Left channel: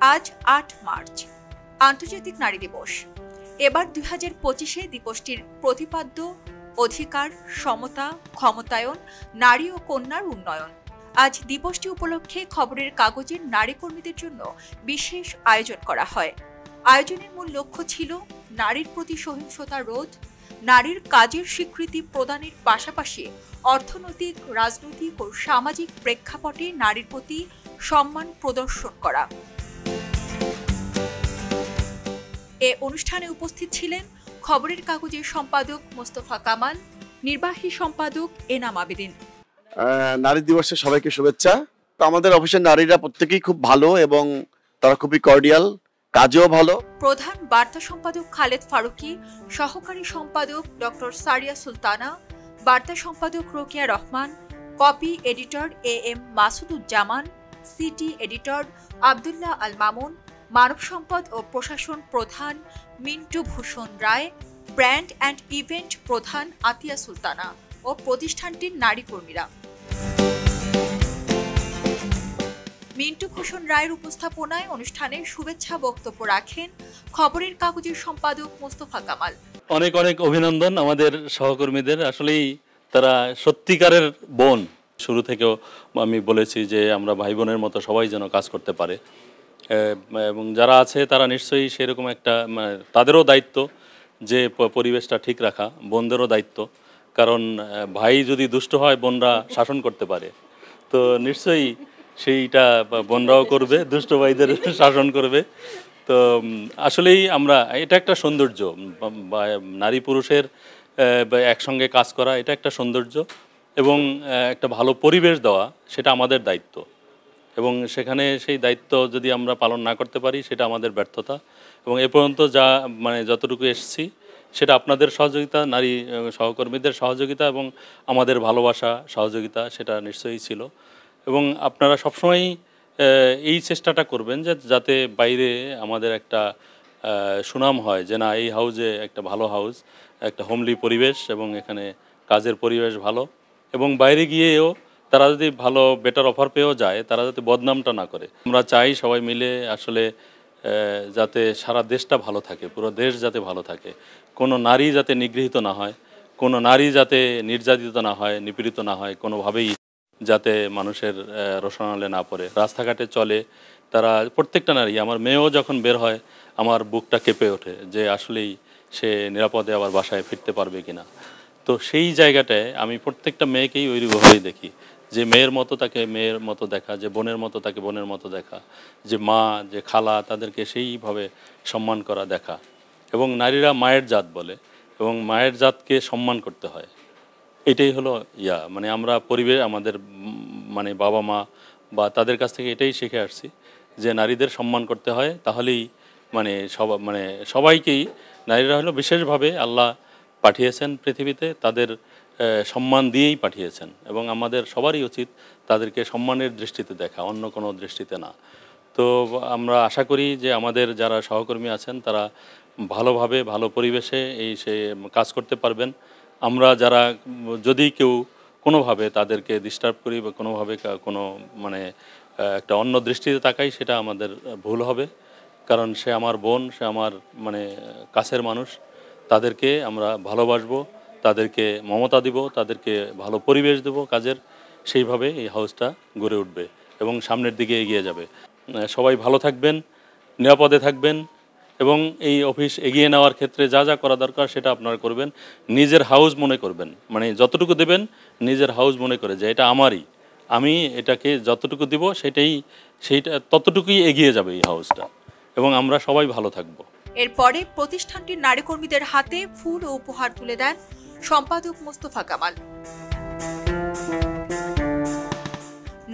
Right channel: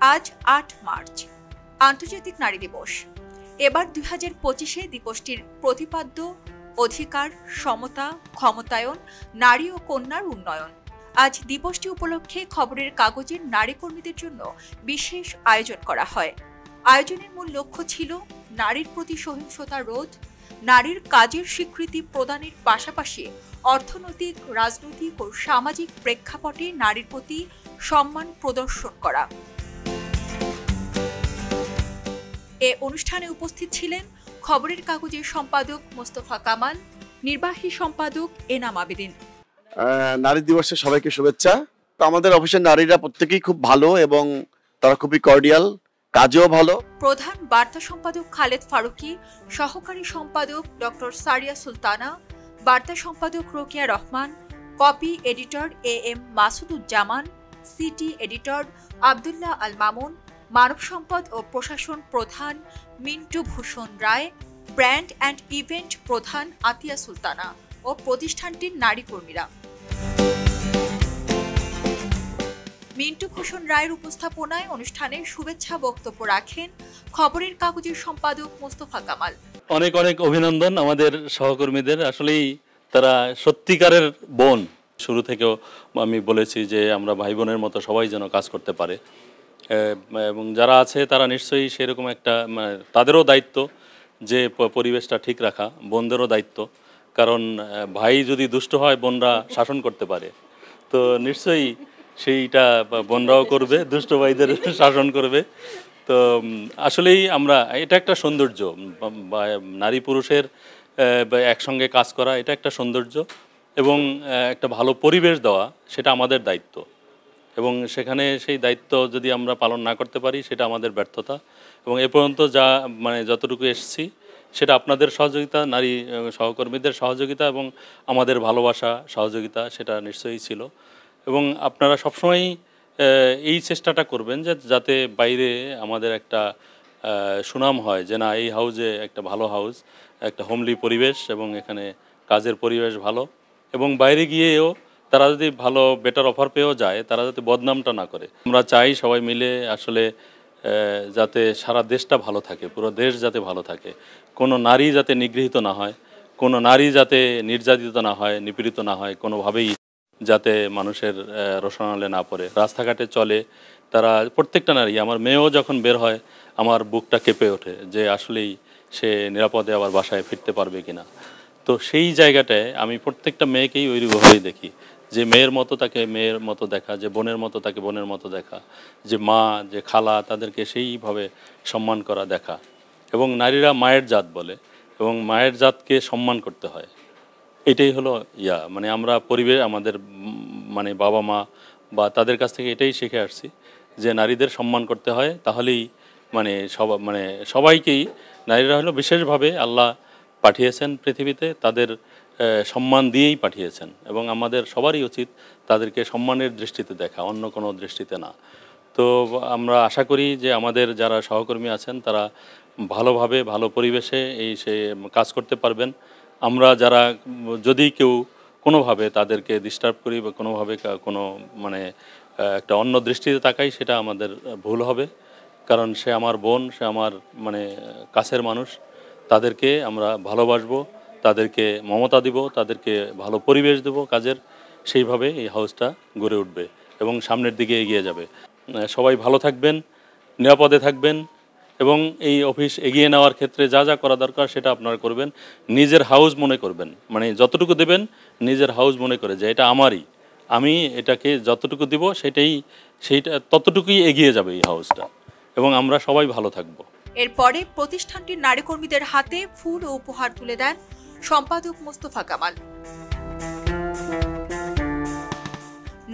আজ ৮ মার্চ আন্তর্জাতিক নারী দিবস। এবার ২০২৫-এ দিবসটির প্রতিপাদ্য অধিকার, সমতা, ক্ষমতায়ন, নারী ও কন্যার উন্নয়ন। আজ দিবসটি উপলক্ষে খবরের কাগজের নারী কর্মীদের জন্য বিশেষ আয়োজন করা হয়। আয়োজনের মূল লক্ষ্য ছিল নারীর প্রতি সহিংসতা রোধ, নারীর কাজের স্বীকৃতি প্রদানের পাশাপাশি অর্থনৈতিক, রাজনৈতিক ও সামাজিক প্রেক্ষাপটে নারীর প্রতি সম্মান প্রদর্শন করা। এ অনুষ্ঠানে উপস্থিত ছিলেন খবরের কাগজের সম্পাদক মোস্তফা কামাল, নির্বাহী সম্পাদক এনাম আবেদিন। নারী দিবসে সবাইকে শুভেচ্ছা। তো আমাদের অফিসের নারীরা প্রত্যেকেই খুব ভালো এবং তারা খুবই কর্ডিয়াল, কাজেও ভালো। প্রধান বার্তা সম্পাদক খালেদ ফারুকী, সহকারী সম্পাদক ডক্টর সারিয়া সুলতানা, বার্তা সম্পাদক Rokeya Rahman, copy editor M Masuduzzaman, city editor Abdullah Al Mamun, মানব সম্পদ ও প্রশাসন প্রধান Mintu Bhushan Roy, brand and event প্রধান আতিয়া সুলতানা ও প্রতিষ্ঠানটির নারী কর্মীরা। মিন্টু ভূষণ রায়ের উপস্থাপনায় অনুষ্ঠানে শুভেচ্ছা বক্তব্য রাখেন খবরের কাগজের সম্পাদক মোস্তফা কামাল। অনেক অনেক অভিনন্দন আমাদের সহকর্মীদের। আসলেই তারা সত্যিকারের বোন। শুরু থেকেও আমি বলেছি যে আমরা ভাই বোনের মতো সবাই যেন কাজ করতে পারে, এবং যারা আছে তারা নিশ্চয়ই সেরকম একটা তাদেরও দায়িত্ব যে পরিবেশটা ঠিক রাখা, বোনদেরও দায়িত্ব। কারণ ভাই যদি দুষ্ট হয় বোনরা শাসন করতে পারে, তো নিশ্চয়ই সেইটা বোনরাও করবে, দুষ্ট ভাইদের শাসন করবে। তো আসলেই আমরা এটা একটা সৌন্দর্য, নারী পুরুষের একসঙ্গে কাজ করা এটা একটা সৌন্দর্য, এবং একটা ভালো পরিবেশ দেওয়া সেটা আমাদের দায়িত্ব। এবং সেখানে সেই দায়িত্ব যদি আমরা পালন না করতে পারি সেটা আমাদের ব্যর্থতা। এবং এ পর্যন্ত যা যতটুকু এসেছি সেটা আপনাদের সহযোগিতা, নারী সহকর্মীদের সহযোগিতা এবং আমাদের ভালোবাসা, সহযোগিতা সেটা নিশ্চয়ই ছিল। এবং আপনারা সবসময়ই এই চেষ্টাটা করবেন যে যাতে বাইরে আমাদের একটা সুনাম হয় যে না, এই হাউজে একটা ভালো হাউজ, একটা হোমলি পরিবেশ এবং এখানে কাজের পরিবেশ ভালো। এবং বাইরে গিয়েও তারা যদি ভালো বেটার অফার পেয়েও যায়, তারা যাতে বদনামটা না করে। আমরা চাই সবাই মিলে আসলে যাতে সারা দেশটা ভালো থাকে, পুরো দেশ যাতে ভালো থাকে, কোনো নারী যাতে নিগৃহীত না হয়, কোনো নারী যাতে নির্যাতিত না হয়, নিপীড়িত না হয়, কোনোভাবেই যাতে মানুষের রোশনালে না পড়ে, রাস্তাঘাটে চলে তারা। প্রত্যেকটা নারী, আমার মেয়েও যখন বের হয় আমার বুকটা কেঁপে ওঠে যে আসলেই সে নিরাপদে আবার বাসায় ফিরতে পারবে কিনা। তো সেই জায়গাটায় আমি প্রত্যেকটা মেয়েকেই ওইভাবেই দেখি, যে মেয়ের মতো তাকে মেয়ের মতো দেখা, যে বোনের মতো তাকে বোনের মতো দেখা, যে মা, যে খালা, তাদেরকে সেইভাবে সম্মান করা, দেখা। এবং নারীরা মায়ের জাত বলে, এবং মায়ের জাতকে সম্মান করতে হয়। এটাই হলো আমরা পরিবেশ, আমাদের বাবা মা বা তাদের কাছ থেকে এটাই শিখে আসছি যে নারীদের সম্মান করতে হয়। তাহলেই সবাইকেই, নারীরা হলো বিশেষভাবে আল্লাহ পাঠিয়েছেন পৃথিবীতে, তাদের সম্মান দিয়েই পাঠিয়েছেন। এবং আমাদের সবারই উচিত তাদেরকে সম্মানের দৃষ্টিতে দেখা, অন্য কোনো দৃষ্টিতে না। তো আমরা আশা করি যে আমাদের যারা সহকর্মী আছেন তারা ভালোভাবে, ভালো পরিবেশে সে কাজ করতে পারবেন। আমরা যারা যদি কেউ কোনোভাবে তাদেরকে ডিস্টার্ব করি বা কোনোভাবে কোনো একটা অন্য দৃষ্টিতে তাকাই, সেটা আমাদের ভুল হবে। কারণ সে আমার বোন, সে আমার কাছের মানুষ। তাদেরকে আমরা ভালোবাসবো, তাদেরকে মমতা দিব, তাদেরকে ভালো পরিবেশ দেব কাজের। সেইভাবে এই হাউসটা গড়ে উঠবে এবং সামনের দিকে এগিয়ে যাবে। সবাই ভালো থাকবেন, নিরাপদে থাকবেন, এবং এই অফিস এগিয়ে নেওয়ার ক্ষেত্রে যা যা করা দরকার সেটা আপনারা করবেন। নিজের হাউস মনে করবেন, যতটুকু দেবেন নিজের হাউস মনে করে যে এটা আমারই, আমি এটাকে যতটুকু দিব সেইটা ততটুকুই এগিয়ে যাবে এই হাউসটা, এবং আমরা সবাই ভালো থাকবো। এরপরে প্রতিষ্ঠানটির নারী কর্মীদের হাতে ফুল ও উপহার তুলে দেন সম্পাদক মোস্তফা কামাল।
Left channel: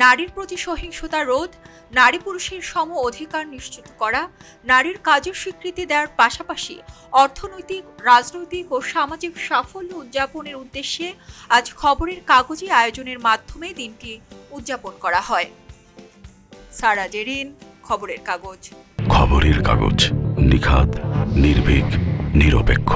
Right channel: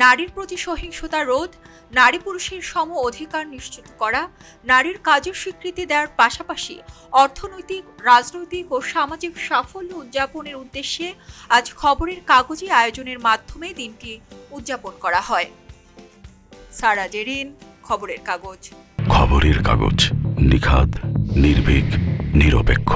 নারীর প্রতি সহিংসতা রোধ, নারী পুরুষের সম অধিকার নিশ্চিত করা, নারীর কাজের স্বীকৃতি দেওয়ার পাশাপাশি অর্থনৈতিক, রাজনৈতিক ও সামাজিক সাফল্য উদযাপনের উদ্দেশ্যে আজ খবরের কাগজে আয়োজনের মাধ্যমে দিনটি উদযাপন করা হয়। সারা জেরিন, খবরের কাগজ। খবরের কাগজ, নিখাত, নির্ভীক, নিরপেক্ষ।